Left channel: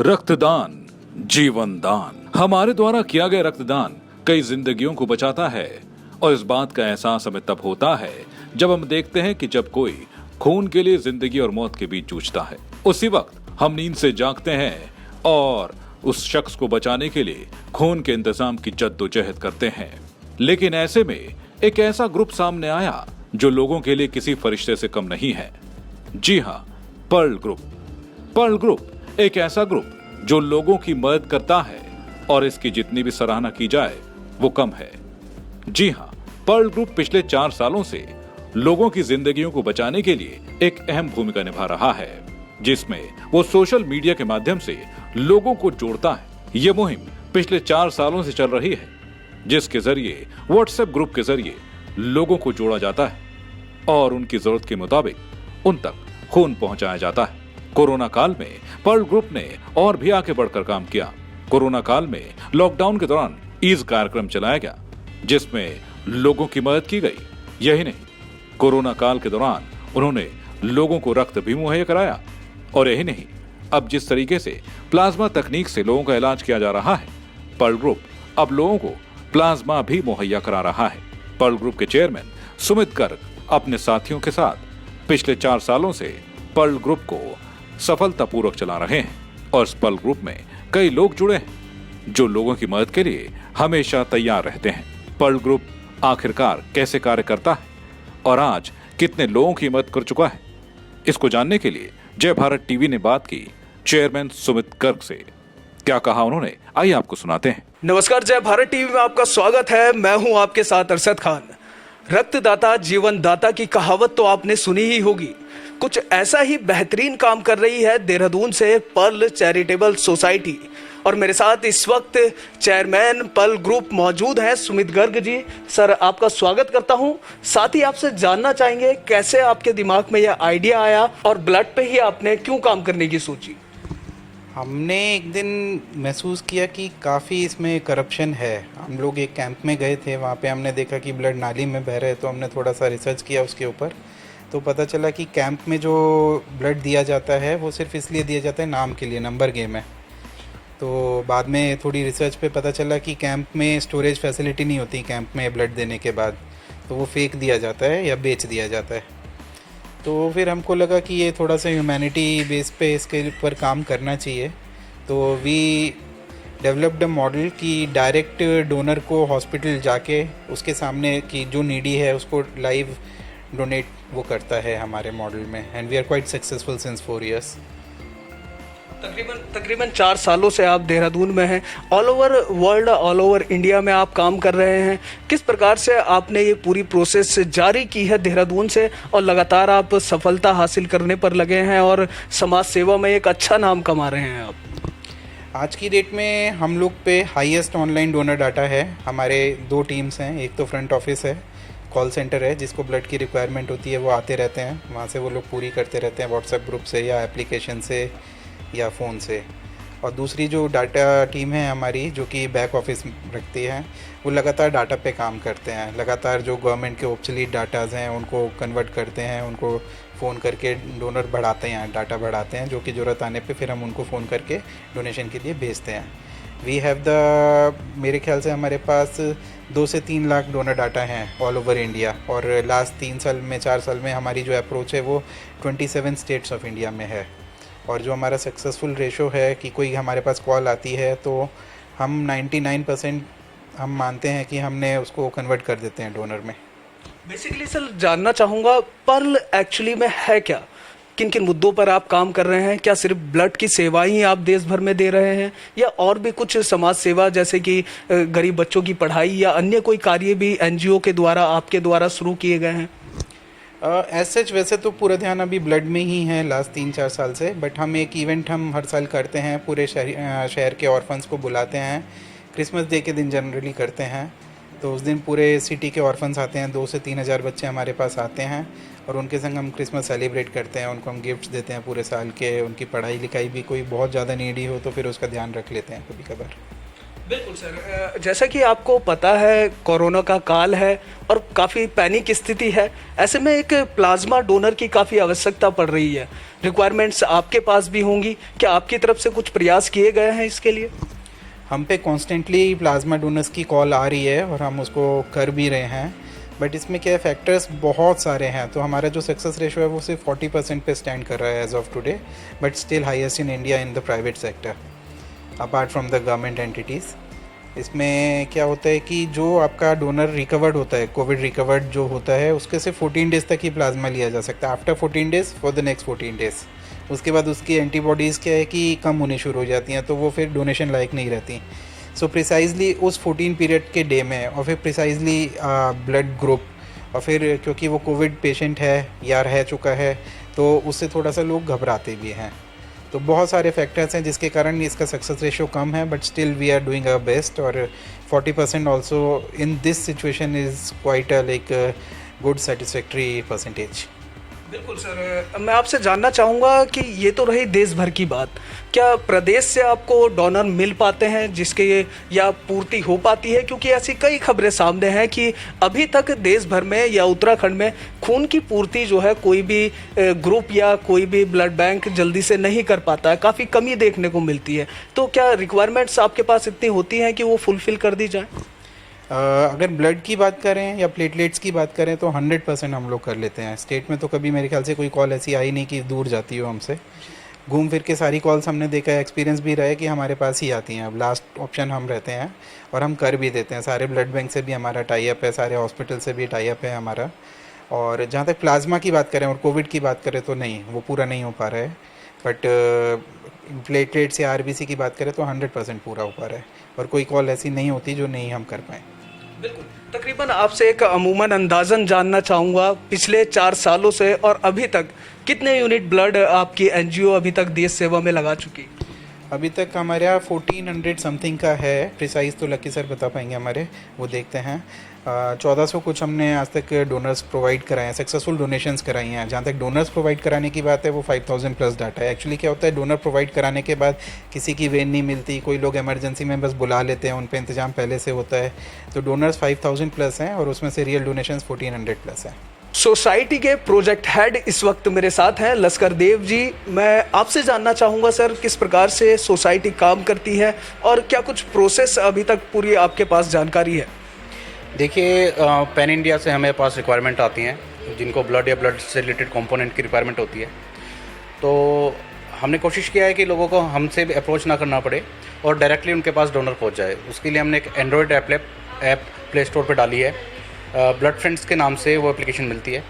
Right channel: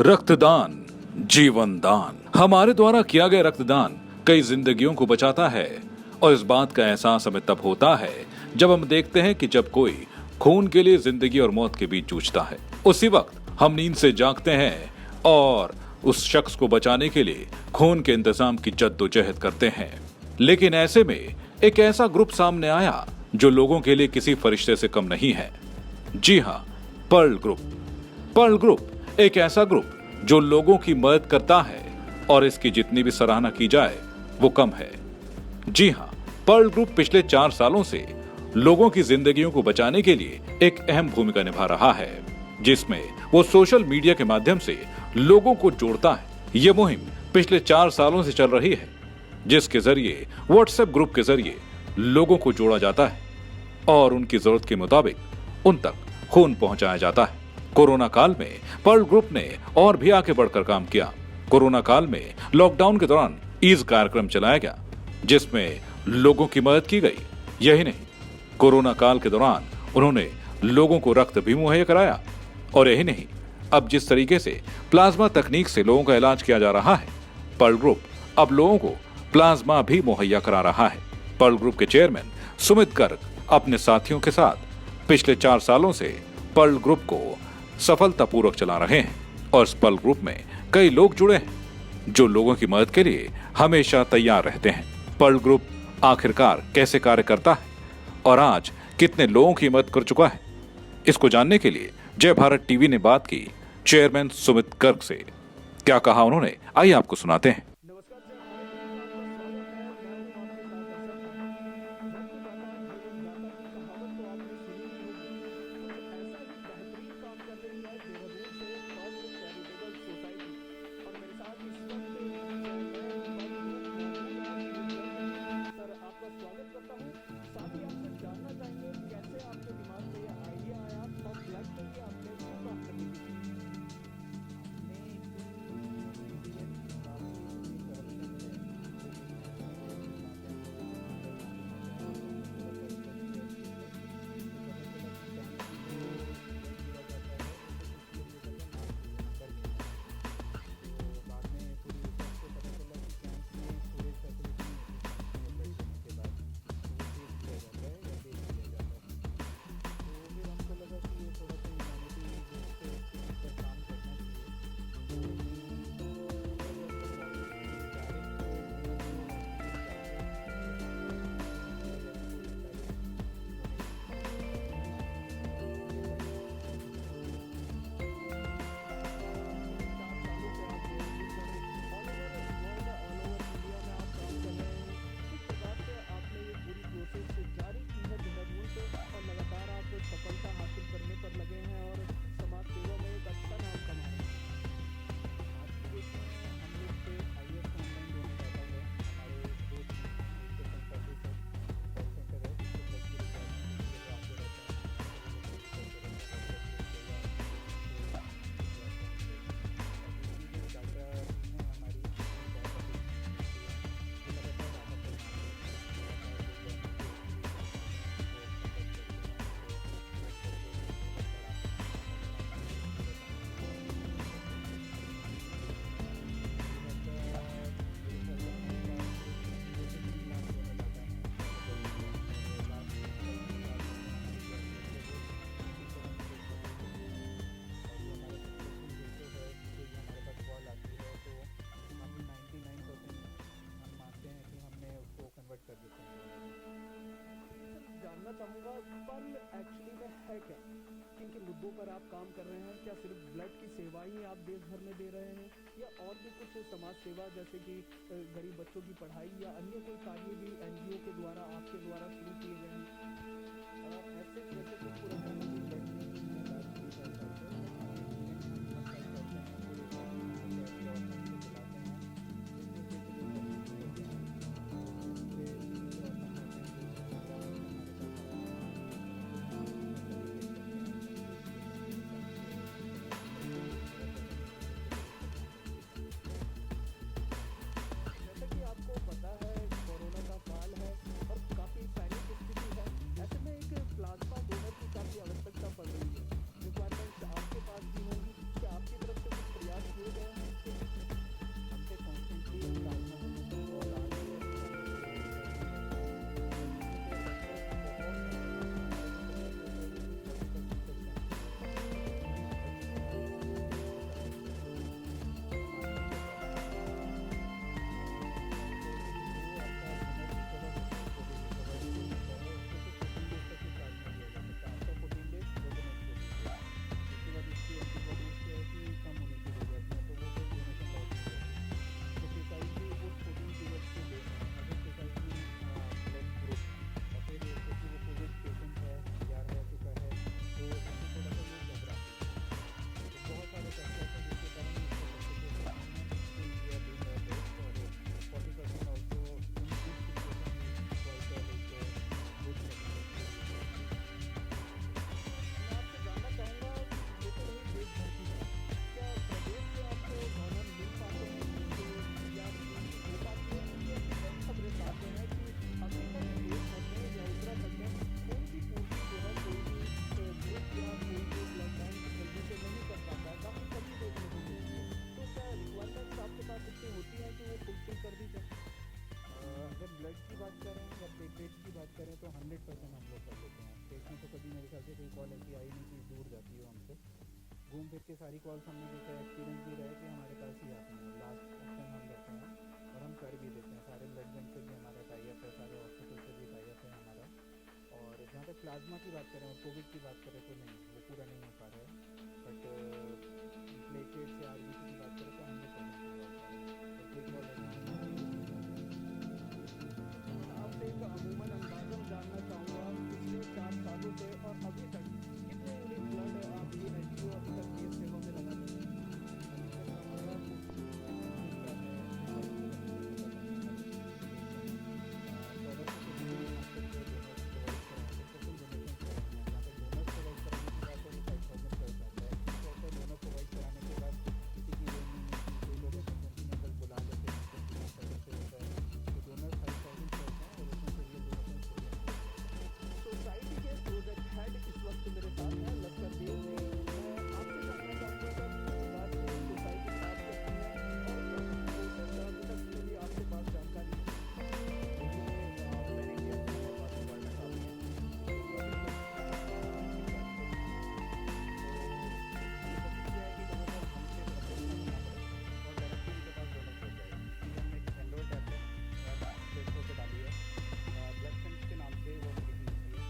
रक्तदान जीवन दान। हमारे द्वारा किया गया रक्तदान कई जिंदगियों को बचाता है और इस बात का एहसास हमें तब होता है जब हम देखते हैं कि जब कोई खून के लिए जिंदगी और मौत के बीच जूझता है। उसी वक्त हम नींद से जागते हैं और उस शख्स को बचाने के लिए खून के इंतजाम की जद्दोजहद करते हैं। लेकिन ऐसे में एक ऐसा ग्रुप सामने आया जो लोगों के लिए किसी फरिश्ते से कम नहीं है। जी हाँ, पर्ल ग्रुप। पर्ल ग्रुप एक ऐसा ग्रुप जो लोगों की मदद करता है और इसकी जितनी भी सराहना की जाए वो कम है। जी हाँ, पर्ल ग्रुप पिछले 4 सालों से लोगों की जिंदगियों को बचाने के लिए एक अहम भूमिका निभा रहा है, जिसमें वो सोशल मीडिया के माध्यम से लोगों को जोड़ता है। ये मुहिम पिछले 4 सालों से चल रही है, जिसके जरिए व्हाट्सएप ग्रुप के जरिए लोगों को जोड़ा जाता है और उनकी जरूरत के मुताबिक उन तक खून पहुंचाया जाता है। कोरोना काल में पर्ल ग्रुप ने और भी आगे बढ़कर काम किया। कोरोना काल में लॉकडाउन के दौरान ईज कार्यक्रम चलाया गया, जिसमें लोगों की मदद की गई। यही नहीं, कोरोना काल के दौरान उन्होंने लोगों को रक्त भी मुहैया कराया। और यही नहीं, अब जिस तरीके से प्लाज्मा तकनीक से लोगों का इलाज किया जा रहा है, पर्ल ग्रुप अब लोगों को प्लाज्मा भी मुहैया करा रहा है। पर्ल ग्रुप के चेयरमैन सुमित गर्ग अपने साथियों के साथ पिछले 4 सालों से पर्ल ग्रुप को सफलतापूर्वक चला रहे हैं और इस पर्ल ग्रुप में कई लोग जुड़े हैं जो लोगों की मदद के लिए हमेशा तैयार रहते हैं। पर्ल ग्रुप आखिरकार कैसे कार्य करता है और आज कितने लोगों की मदद कर चुका है, इसको जानने के लिए जय भारत टीवी ने बात की चेयरमैन सुमित गर्ग से। क्या कहा उन्होंने, आइए आपको सुनाते हैं। नमस्कार, जय भारत टीवी में आपका स्वागत है। मैं हूं आपके साथ अरशद खान। रक्तदाता जीवन दाता की कहावत तो आपने सुनी ही होगी। कुछ ऐसा ही बेहतरीन काम कर रही है देहरादून से पर्ल चैरिटेबल सोसाइटी। और मेरे साथ इस वक्त चेयरमैन पर्ल ग्रुप मौजूद हैं सुमित गर्ग जी। सर, आपका स्वागत करता हूं। साथ ही आपसे जानना चाहेंगे कैसे आपके दिमाग में यह आइडिया आया और ब्लड पे ही आपने क्यों काम करने की सोची। हमने एक दिन महसूस किया कि काफ़ी इसमें करप्शन है। हम लोग एक कैंप में गए थे, वहाँ पे हमने देखा कि ब्लड नाली में बह रहे, तो हमने थोड़ा सा रिसर्च किया उसके ऊपर। तो पता चला कि कैंप में जो ब्लड दिया जाता है वो सिर्फ इसलिए दिया जाता है नाम के लिए, नंबर गेम है। तो बाद में थोड़ी रिसर्च पे पता चला कि कैंप में स्टोरेज फैसिलिटी नहीं होती कैंप में ब्लड देने के बाद, तो वो फेंक दिया जाता है या बेच दिया जाता है। तो फिर हमको लगा कि ये थोड़ा सा ह्यूमैनिटी बेस पे इसके ऊपर काम करना चाहिए। तो वी डेवलप्ड अ मॉडल कि डायरेक्ट डोनर को हॉस्पिटल जाके उसके सामने कि जो नीडी है उसको लाइव डोनेट वो करता है हमारे मॉडल में। And we are quite successful since 4 years। तकरीबन 4 सालों से आप देहरादून में हैं। All over world, all over India में आप काम कर रहे हैं। किस प्रकार से आपने ये पूरी प्रोसेस जारी की है देहरादून से और लगातार आप सफलता हासिल करने पर लगे हैं और समाज सेवा में एक अच्छा नाम कमा रहे हैं आप। आज की डेट में हम लोग पे हाईएस्ट ऑनलाइन डोनर डाटा है। हमारे 2 टीम्स हैं, एक तो फ्रंट ऑफिस है, कॉल सेंटर है, जिसको ब्लड की रिक्वायरमेंट होती है वो आते रहते हैं, वहाँ से वो लोग पूरी करते रहते हैं व्हाट्सएप ग्रुप से या एप्लीकेशन से या फ़ोन से। और दूसरी जो डाटा टीम है हमारी, जो कि बैक ऑफिस रखती है, वो लगातार डाटा पे काम करते हैं। लगातार जो गवर्नमेंट के ऑब्सोलीट डाटाज हैं उनको कन्वर्ट करते हैं, उनको फ़ोन करके डोनर बढ़ाते हैं, डाटा बढ़ाते हैं, जो कि ज़रूरत आने पे फिर हम उनको फ़ोन करके डोनेशन के लिए भेजते हैं। वी हैव द, मेरे ख्याल से हमारे पास 2 से 3 लाख डोनर डाटा हैं ऑल ओवर इंडिया। और लास्ट 3 साल में 4 साल में हमारी जो अप्रोच है वो 27 स्टेट्स ऑफ इंडिया में है। और जो हमारा सक्सेसफुल रेशो है कि कोई हमारे पास कॉल आती है तो हम 99% हम मानते हैं कि हमने उसको कन्वर्ट कर देते हैं डोनर में। बेसिकली सर, जानना चाहूँगा पर्ल एक्चुअली में है क्या, किन किन मुद्दों पर आप काम कर रहे हैं? क्या सिर्फ ब्लड की सेवाएं ही आप देश भर में दे रहे हैं या और भी कुछ समाज सेवा जैसे कि गरीब बच्चों की पढ़ाई या अन्य कोई कार्य भी एनजीओ के द्वारा आपके द्वारा शुरू किए गए हैं? एज सच वैसे तो पूरा ध्यान अभी ब्लड में ही है लास्ट 3-4 साल से, बट हम एक इवेंट हम हर साल करते हैं, पूरे शहर के ऑर्फन्स को बुलाते हैं। क्रिसमस डे के दिन जनरली करते हैं। तो उस दिन पूरे सिटी के ऑर्फन्स आते हैं, 2 से 3 हज़ार बच्चे हमारे पास आते हैं और उनके संग हम क्रिसमस सेलिब्रेट करते हैं। उनको हम गिफ्ट्स देते हैं पूरे साल के। उनकी पढ़ाई लिखाई भी कोई बहुत ज़्यादा नीडी हो तो फिर उसका ध्यान रख लेते हैं कभी कभार। बिल्कुल सर, जैसा कि आपको पता है कोरोना का काल है और काफ़ी पैनिक स्थिति है। ऐसे में एक प्लाज्मा डोनर की काफ़ी आवश्यकता पड़ रही है। रिक्वायरमेंट्स आपके पास भी होंगी, क्या आपकी तरफ से कुछ प्रयास किए गए हैं इसके लिए? हम पे कॉन्स्टेंटली प्लाज्मा डोनर्स की कॉल आ रही है और हम उसको कर भी रहे हैं, बट इसमें क्या फैक्टर्स बहुत सारे हैं। तो हमारा जो सक्सेस रेशो है वो सिर्फ 40% पे स्टैंड कर रहा है as of today, but still highest in India in the private sector apart from the government entities. इसमें क्या होता है कि जो आपका डोनर रिकवर्ड होता है, कोविड रिकवर्ड जो होता है, उसके से 14 डेज़ तक ही प्लाज्मा लिया जा सकता है। After 14 days for the next 14 days उसके बाद उसकी एंटीबॉडीज़ क्या है कि कम होनी शुरू हो जाती हैं, तो वो फिर डोनेशन लायक नहीं रहती। सो प्रिसाइजली उस 14 पीरियड के डे में और फिर प्रिसाइजली ब्लड ग्रुप, और फिर क्योंकि वो कोविड पेशेंट है या रह चुका है तो उससे थोड़ा सा लोग घबराते भी हैं। तो बहुत सारे फैक्टर्स हैं जिसके कारण इसका सक्सेस रेशो कम है, but still we are doing our best. और 40% also in this situation is quite a like good satisfactory percentage. बिल्कुल सर, मैं आपसे जानना चाहूँगा कि ये तो रही देश भर की बात, क्या प्रदेश से आपको डोनर मिल पाते हैं जिसके या पूर्ति हो पाती है? क्योंकि ऐसी कई खबरें सामने हैं कि अभी तक देश भर में या उत्तराखंड में खून की पूर्ति जो है कोई भी ग्रुप या कोई भी ब्लड बैंक जल्दी से नहीं कर पाता है, काफ़ी कमी देखने को मिलती है। तो क्या रिक्वायरमेंट्स आपके पास इतनी होती हैं कि वो फुलफ़िल कर दी जाए? अगर ब्लड की बात करें या प्लेटलेट्स की बात करें तो 100% हम लोग कर लेते हैं। स्टेट में तो कभी मेरे ख्याल से कोई कॉल ऐसी आई नहीं कि दूर जाती हो हमसे। घूम फिर के सारी कॉल्स हमने देखा है, एक्सपीरियंस भी रहा है कि हमारे पास ही आती हैं। अब लास्ट ऑप्शन हम रहते हैं और हम कर भी देते हैं। सारे ब्लड बैंक से भी हमारा टाई अप है, सारे हॉस्पिटल से भी टाई अप है हमारा। और जहाँ तक प्लाज्मा की बात करें और कोविड की बात करें तो नहीं, वो पूरा नहीं हो पा रहा है। बट प्लेटलेट्स या आरबीसी की बात करें तो 100% पूरा हो पा रहा है और कोई कॉल ऐसी नहीं होती जो नहीं हम कर पाएँ। बिल्कुल, तकरीबन आपसे एक अमूमन अंदाज़न जानना चाहूँगा, पिछले 4 सालों से और अभी तक कितने यूनिट ब्लड आपकी एनजीओ अभी तक देश सेवा में लगा चुकी? अभी तक हमारे यहाँ 1400 समथिंग का है, प्रिसाइज तो लकी सर बता पाएंगे हमारे, वो देखते हैं। 1400 कुछ हमने आज तक डोनर्स प्रोवाइड कराए हैं, सक्सेसफुल डोनेशंस कराई हैं। जहाँ तक डोनर्स प्रोवाइड कराने की बात है वो 5000 प्लस डाटा है। एक्चुअली क्या होता है, डोनर प्रोवाइड कराने के बाद किसी की वेन नहीं मिलती, कोई लोग इमरजेंसी में बस बुला लेते हैं, उन पर इंतजाम पहले से होता है। तो डोनर्स 5000 प्लस हैं और उसमें से रियल डोनेशंस 1400 प्लस हैं। सोसाइटी के प्रोजेक्ट हेड इस वक्त मेरे साथ हैं लश्कर देव जी। मैं आपसे जानना चाहूँगा सर, किस प्रकार से सोसाइटी काम करती है और क्या कुछ प्रोसेस अभी तक पूरी आपके पास जानकारी है? देखिए, पैन इंडिया से हमें पास रिक्वायरमेंट आती हैं जिनको ब्लड या ब्लड से रिलेटेड कंपोनेंट की रिक्वायरमेंट होती है। तो हमने कोशिश किया है कि लोगों को हमसे भी अप्रोच ना करना पड़े और डायरेक्टली उनके पास डोनर पहुंच जाए। उसके लिए हमने एक एंड्रॉयड ऐप प्ले स्टोर पर डाली है। ब्लड फ्रेंड्स के नाम से वो एप्लीकेशन मिलती है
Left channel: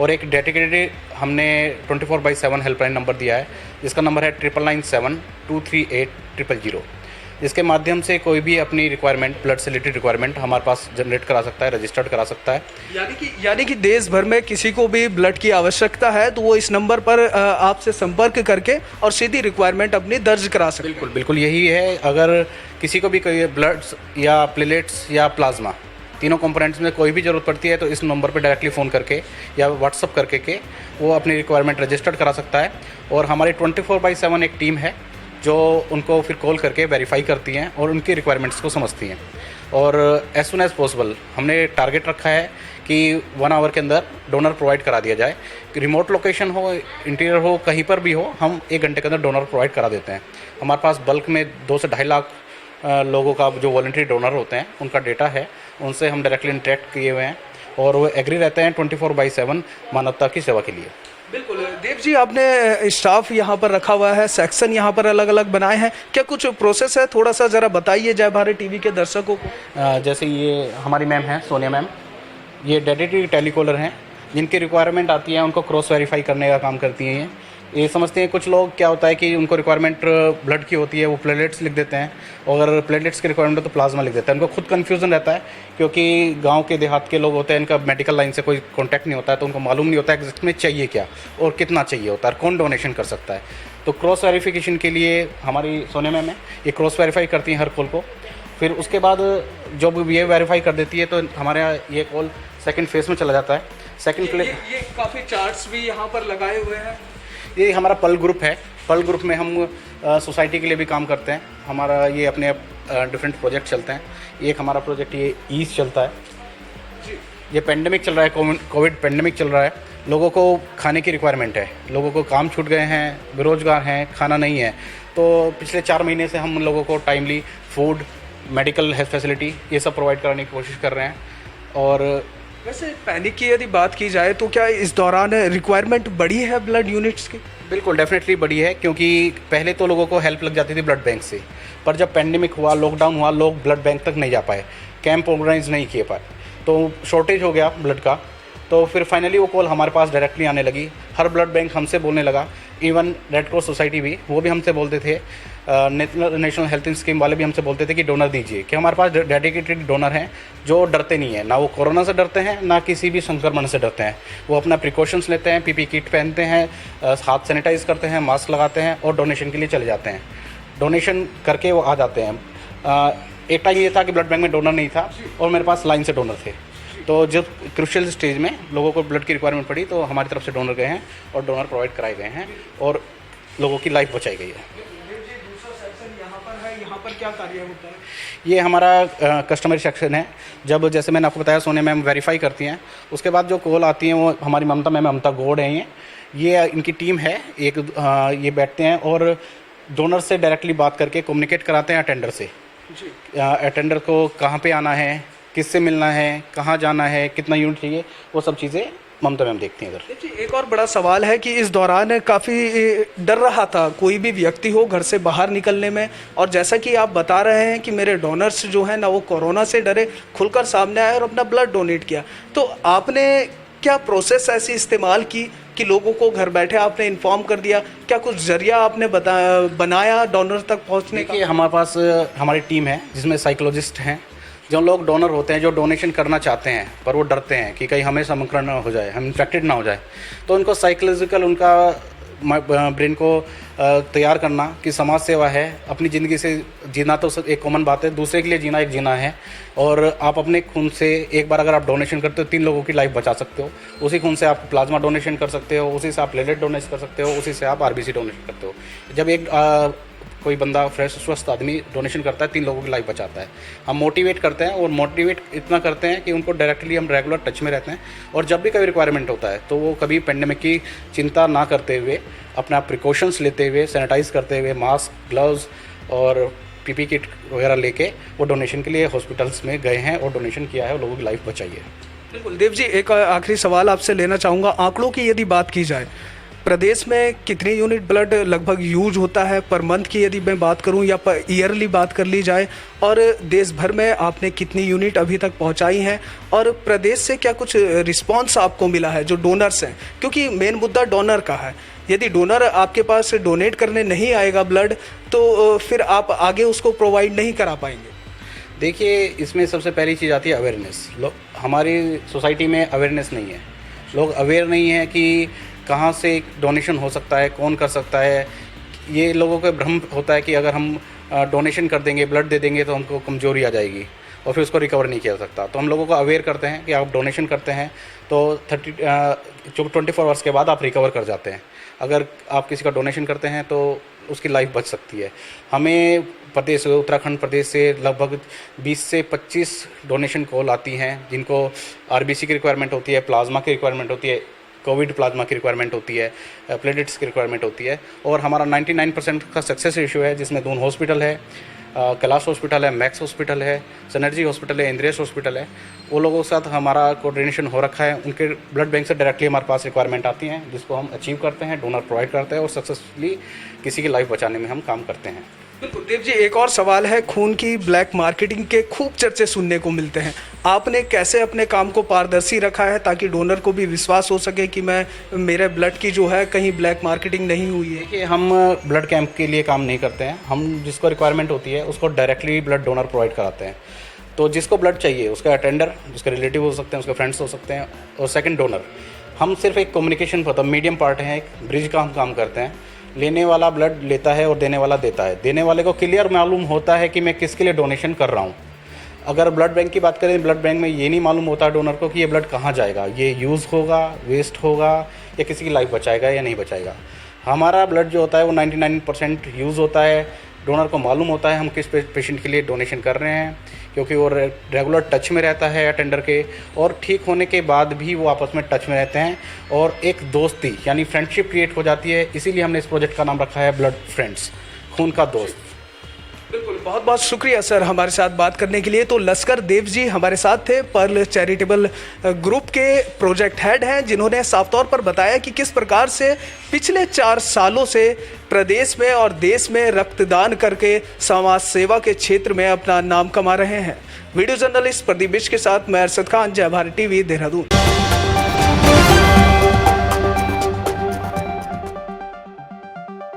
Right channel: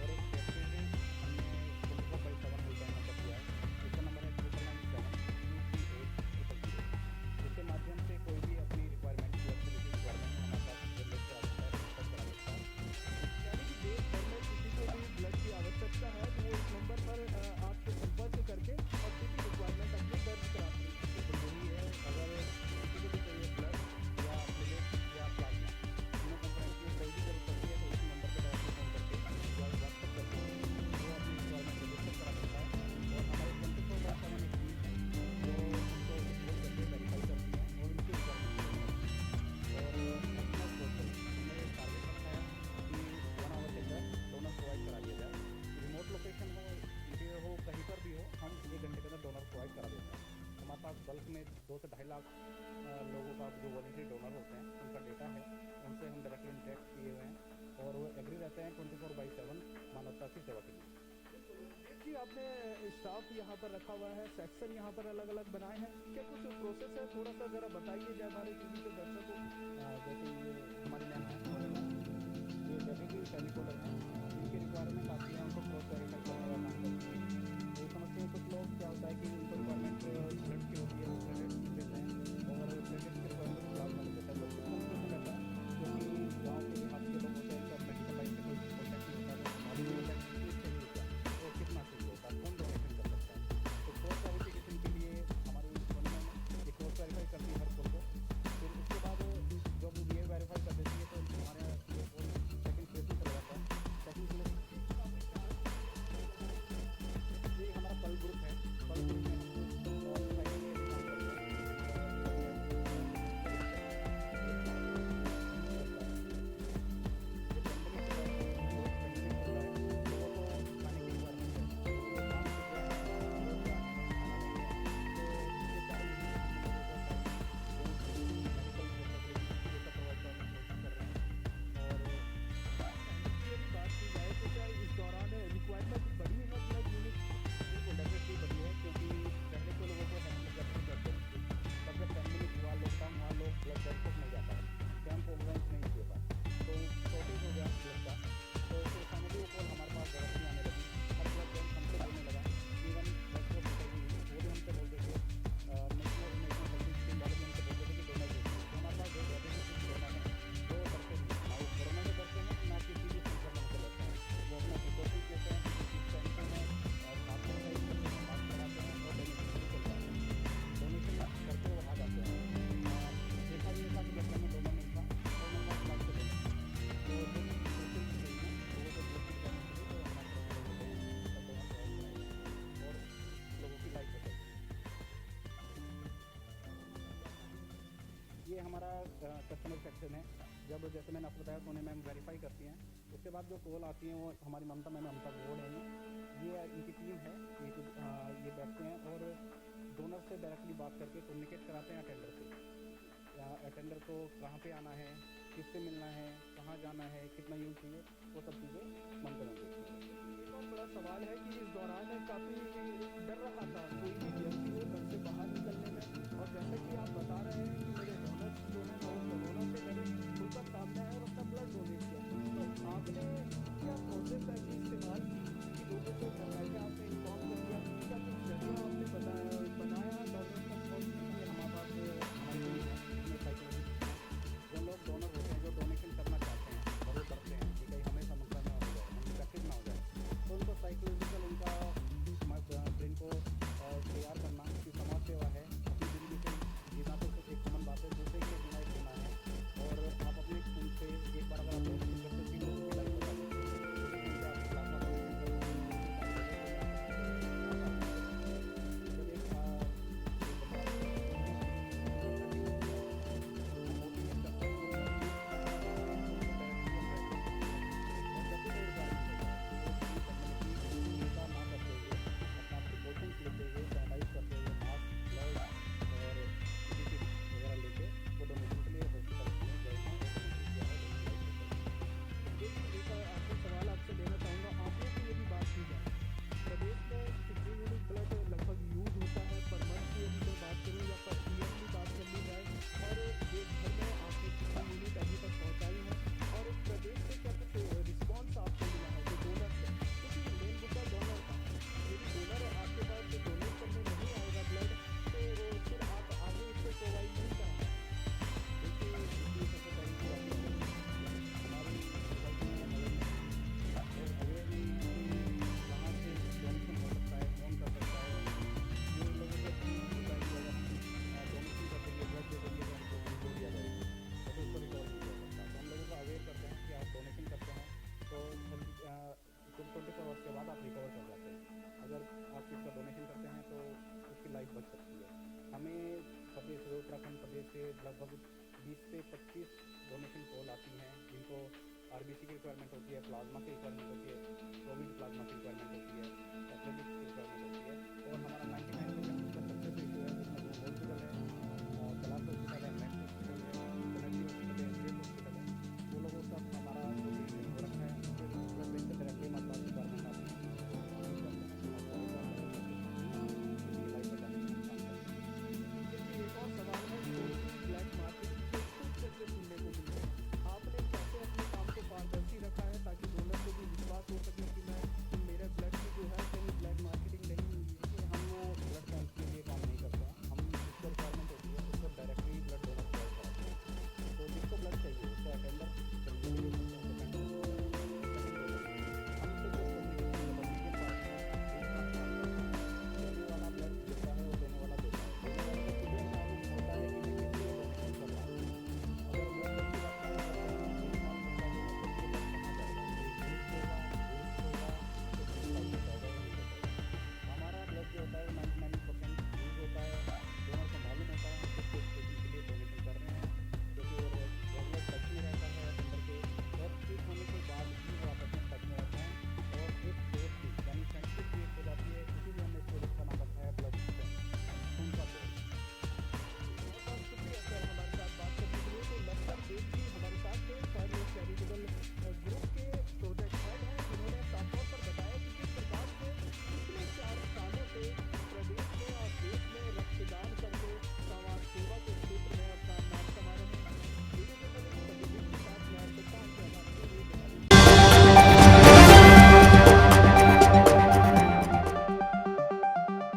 और एक डेडिकेटेड हमने 24/7 हेल्पलाइन नंबर दिया है जिसका नंबर है 99723800, जिसके माध्यम से कोई भी अपनी रिक्वायरमेंट, ब्लड से रिलेटेड रिक्वायरमेंट हमारे पास जनरेट करा सकता है, रजिस्टर्ड करा सकता है। यानी कि देश भर में किसी को भी ब्लड की आवश्यकता है तो वो इस नंबर पर आपसे संपर्क करके और सीधी रिक्वायरमेंट अपनी दर्ज करा सकते हैं। बिल्कुल बिल्कुल यही है। अगर किसी को भी कोई ब्लड या प्लेटलेट्स या प्लाज्मा, तीनों कंपोनेंट्स में कोई भी ज़रूरत पड़ती है तो इस नंबर पर डायरेक्टली फ़ोन करके या व्हाट्सअप करके के वो अपनी रिक्वायरमेंट रजिस्टर्ड करा सकता है। और हमारी 24/7 एक टीम है जो उनको फिर कॉल करके वेरीफाई करती हैं और उनकी रिक्वायरमेंट्स को समझती हैं। और एज सुन एज़ पॉसिबल हमने टारगेट रखा है कि 1 आवर के अंदर डोनर प्रोवाइड करा दिया जाए। रिमोट लोकेशन हो, इंटीरियर हो, कहीं पर भी हो, हम 1 घंटे के अंदर डोनर प्रोवाइड करा देते हैं। हमारे पास बल्क में 2 से 2.5 लाख लोगों का जो वॉलंटरी डोनर होते हैं उनका डेटा है, उनसे हम डायरेक्टली इंटरेक्ट किए हुए हैं और वो एग्री रहते हैं 24/7 मानवता की सेवा के लिए। बिल्कुल देव जी, आपने स्टाफ यहाँ पर रखा हुआ है, सेक्शन यहाँ पर अलग अलग बनाए हैं, क्या कुछ प्रोसेस है? थोड़ा सा ज़रा बताइए जय भारत टीवी के दर्शकों को। जैसे ये हमारी मैम हैं, सोनिया मैम, ये डेडिकेटेड टेलीकॉलर हैं। जिनकी रिक्वायरमेंट आती है उनको क्रॉस वेरीफाई करने का काम करती हैं। ये समझते हैं कुछ लोग क्या होता है कि उनको रिक्वायरमेंट ब्लड की होती है, वो प्लेटलेट्स लिख देते हैं, और अगर प्लेटलेट्स की रिक्वायरमेंट हो तो प्लाज्मा लिख देते हैं। उनको खुद कन्फ्यूज़न रहता है क्योंकि गांव के देहात के लोग होते हैं, इनका मेडिकल लाइन से कोई कॉन्टैक्ट नहीं होता है, तो उनको मालूम नहीं होता है कि इसमें चाहिए क्या और कितना चाहिए होता है, कौन डोनेशन कर सकता है। तो क्रॉस वेरीफिकेशन के लिए हमारी सोनिया मैम है, ये क्रॉस वेरीफाई करती हैं हर कॉल को। फिर उसके बाद जब ये वेरीफाई कर देती है तो हमारे यहाँ ये कॉल सेकंड फेज में चला जाता है। ये काफ़ी चार्ट्स भी यहाँ पर लगाए हुए हैं। ये हमारा पल ग्रुप है। पल ग्रुप में हम सोसाइटी के लिए भी काम करते हैं। हमारा ये अपने डिफरेंट प्रोजेक्ट चलते हैं। एक हमारा प्रोजेक्ट ये ईस्ट चलता है। ये पेंडेमिक चल रहा है, कोविड पेंडेमिक चल रहा है। लोगों को खाने की रिक्वायरमेंट है, लोगों को काम छूट गए हैं, बेरोजगार हैं, खाना नहीं है। तो पिछले 4 महीने से हम लोगों को timely food, medical health facility ये सब प्रोवाइड कराने की कोशिश कर रहे हैं। और वैसे पैनिक की यदि बात की जाए तो क्या इस दौरान रिक्वायरमेंट बढ़ी है ब्लड यूनिट्स की? बिल्कुल डेफिनेटली बढ़ी है, क्योंकि पहले तो लोगों को हेल्प लग जाती थी ब्लड बैंक से, पर जब पेंडेमिक हुआ, लॉकडाउन हुआ, लोग ब्लड बैंक तक नहीं जा पाए, कैंप ऑर्गेनाइज नहीं किए पाए, तो शॉर्टेज हो गया ब्लड का। तो फिर फाइनली वो कॉल हमारे पास डायरेक्टली आने लगी। हर ब्लड बैंक हमसे बोलने लगा, इवन रेड क्रॉस सोसाइटी भी, वो भी हमसे बोलते थे, नेशनल हेल्थ स्कीम वाले भी हमसे बोलते थे कि डोनर दीजिए, कि हमारे पास डेडिकेटेड डोनर हैं जो डरते नहीं हैं, ना वो कोरोना से डरते हैं, ना किसी भी संक्रमण से डरते हैं। वो अपना प्रिकॉशंस लेते हैं, पीपी किट पहनते हैं, हाथ सैनिटाइज करते हैं, मास्क लगाते हैं और डोनेशन के लिए चले जाते हैं। डोनेशन करके वो आ जाते हैं। एक टाइम ये था कि ब्लड बैंक में डोनर नहीं था और मेरे पास लाइन से डोनर थे, तो जब क्रूशियल स्टेज में लोगों को ब्लड की रिक्वायरमेंट पड़ी तो हमारी तरफ से डोनर गए हैं और डोनर प्रोवाइड कराए गए हैं और लोगों की लाइफ बचाई गई है। यहाँ पर क्या कार्य होता है? ये हमारा कस्टमर सेक्शन है। जब जैसे मैंने आपको बताया, सोने मैम वेरीफाई करती हैं, उसके बाद जो कॉल आती हैं वो हमारी ममता गौड़ हैं, ये इनकी टीम है एक। ये बैठते हैं और डोनर से डायरेक्टली बात करके कम्युनिकेट कराते हैं अटेंडर से। अटेंडर को कहाँ पे आना है, किससे मिलना है, कहाँ जाना है, कितना यूनिट चाहिए, वो सब चीज़ें ममता मैम देखती हैं इधर। देखिए, एक और बड़ा सवाल है कि इस दौरान काफ़ी डर रहा था कोई भी व्यक्ति हो घर से बाहर निकलने में, और जैसा कि आप बता रहे हैं कि मेरे डोनर्स जो हैं ना वो कोरोना से डरे, खुलकर सामने आए और अपना ब्लड डोनेट किया, तो आपने क्या प्रोसेस ऐसी इस्तेमाल की कि लोगों को घर बैठे आपने इन्फॉर्म कर दिया? क्या कुछ जरिया आपने बनाया डोनर तक पहुंचने का? देखिए, हमारे पास हमारी टीम है जिसमें साइकोलॉजिस्ट हैं। जो लोग डोनर होते हैं, जो डोनेशन करना चाहते हैं पर वो डरते हैं कि कहीं हमें संक्रमण ना हो जाए, हम इन्फेक्टेड ना हो जाए, तो उनको साइकोलॉजिकल उनका ब्रेन को तैयार करना कि समाज सेवा है, अपनी ज़िंदगी से जीना तो एक कॉमन बात है, दूसरे के लिए जीना एक जीना है। और आप अपने खून से एक बार अगर आप डोनेशन करते हो 3 लोगों की लाइफ बचा सकते हो। उसी खून से आप प्लाज्मा डोनेशन कर सकते हो, उसी से आप प्लेटलेट डोनेट कर सकते हो, उसी से आप आरबीसी डोनेट करते हो। जब एक कोई बंदा फ्रेश स्वस्थ आदमी डोनेशन करता है, 3 लोगों की लाइफ बचाता है। हम मोटिवेट करते हैं और मोटिवेट इतना करते हैं कि उनको डायरेक्टली हम रेगुलर टच में रहते हैं, और जब भी कोई रिक्वायरमेंट होता है तो वो कभी पेंडेमिक की चिंता ना करते हुए, अपना प्रिकॉशंस लेते हुए, सैनिटाइज करते हुए, मास्क, ग्लव्स और पीपी किट वगैरह लेके वो डोनेशन के लिए हॉस्पिटल्स में गए हैं और डोनेशन किया है और लोगों की लाइफ बचाई है। बिल्कुल देव जी, एक आखिरी सवाल आपसे लेना चाहूँगा। आंकड़ों की यदि बात की जाए, प्रदेश में कितनी यूनिट ब्लड लगभग यूज होता है पर मंथ की यदि मैं बात करूं या पर ईयरली बात कर ली जाए, और देश भर में आपने कितनी यूनिट अभी तक पहुंचाई हैं, और प्रदेश से क्या कुछ रिस्पांस आपको मिला है जो डोनर्स हैं? क्योंकि मेन मुद्दा डोनर का है। यदि डोनर आपके पास डोनेट करने नहीं आएगा ब्लड, तो फिर आप आगे उसको प्रोवाइड नहीं करा पाएंगे। देखिए, इसमें सबसे पहली चीज़ आती है अवेयरनेस। हमारी सोसाइटी में अवेयरनेस नहीं है, लोग अवेयर नहीं है कि कहाँ से डोनेशन हो सकता है, कौन कर सकता है। ये लोगों का भ्रम होता है कि अगर हम डोनेशन कर देंगे, ब्लड दे देंगे तो हमको कमजोरी आ जाएगी और फिर उसको रिकवर नहीं किया जा सकता। तो हम लोगों को अवेयर करते हैं कि आप डोनेशन करते हैं तो 24 आवर्स के बाद आप रिकवर कर जाते हैं। अगर आप किसी का डोनेशन करते हैं तो उसकी लाइफ बच सकती है। हमें प्रदेश, उत्तराखंड प्रदेश से लगभग 20 से 25 डोनेशन कॉल आती हैं, जिनको आरबीसी की रिक्वायरमेंट होती है, प्लाज्मा की रिक्वायरमेंट होती है, कोविड प्लाज्मा की रिक्वायरमेंट होती है, प्लेटलेट्स की रिक्वायरमेंट होती है। और हमारा 99% का सक्सेस रेशियो है, जिसमें दून हॉस्पिटल है, कैलाश हॉस्पिटल है, मैक्स हॉस्पिटल है, सनर्जी हॉस्पिटल है, इंद्रेश हॉस्पिटल है। वो लोगों के साथ हमारा कोऑर्डिनेशन हो रखा है। उनके ब्लड बैंक से डायरेक्टली हमारे पास रिक्वायरमेंट आती हैं, जिसको हम अचीव करते हैं, डोनर प्रोवाइड करते हैं और सक्सेसफुली किसी की लाइफ बचाने में हम काम करते हैं। बिल्कुल देव जी, एक और सवाल है। खून की ब्लैक मार्केटिंग के खूब चर्चे सुनने को मिलते हैं, आपने कैसे अपने काम को पारदर्शी रखा है ताकि डोनर को भी विश्वास हो सके कि मेरे ब्लड की जो है कहीं ब्लैक मार्केटिंग नहीं हुई है? देखिए, हम ब्लड कैंप के लिए काम नहीं करते हैं। हम जिसको रिक्वायरमेंट होती है उसको डायरेक्टली ब्लड डोनर प्रोवाइड कराते हैं। तो जिसको ब्लड चाहिए, उसका अटेंडर, उसके रिलेटिव हो सकते हैं, उसके फ्रेंड्स हो सकते हैं, और सेकंड डोनर। हम सिर्फ एक कम्युनिकेशन पर मीडियम पार्ट है, एक ब्रिज का हम काम करते हैं। लेने वाला ब्लड लेता है और देने वाला देता है। देने वाले को क्लियर मालूम होता है कि मैं किसके लिए डोनेशन कर रहा हूँ। अगर ब्लड बैंक की बात करें, ब्लड बैंक में ये नहीं मालूम होता डोनर को कि ये ब्लड कहाँ जाएगा, ये यूज़ होगा, वेस्ट होगा, या किसी की लाइफ बचाएगा या नहीं बचाएगा। हमारा ब्लड जो होता है वो 99% यूज़ होता है। डोनर को मालूम होता है हम किस पेशेंट के लिए डोनेशन कर रहे हैं, क्योंकि वो रेगुलर टच में रहता है अटेंडर के, और ठीक होने के बाद भी वो आपस में टच में रहते हैं और एक दोस्ती यानी फ्रेंडशिप क्रिएट हो जाती है। इसीलिए हमने इस प्रोजेक्ट का नाम रखा है ब्लड फ्रेंड्स, खून का दोस्त। बिल्कुल, बहुत बहुत शुक्रिया सर हमारे साथ बात करने के लिए। तो लश्कर देव जी हमारे साथ थे, पर्ल चैरिटेबल ग्रुप के प्रोजेक्ट हेड हैं, जिन्होंने साफ तौर पर बताया कि किस प्रकार से पिछले 4 सालों से प्रदेश में और देश में रक्तदान करके समाज सेवा के क्षेत्र में अपना नाम कमा रहे हैं। वीडियो जर्नलिस्ट प्रदीप बिष्ट के साथ मैं अरशद खान, जय भारत टीवी, देहरादून।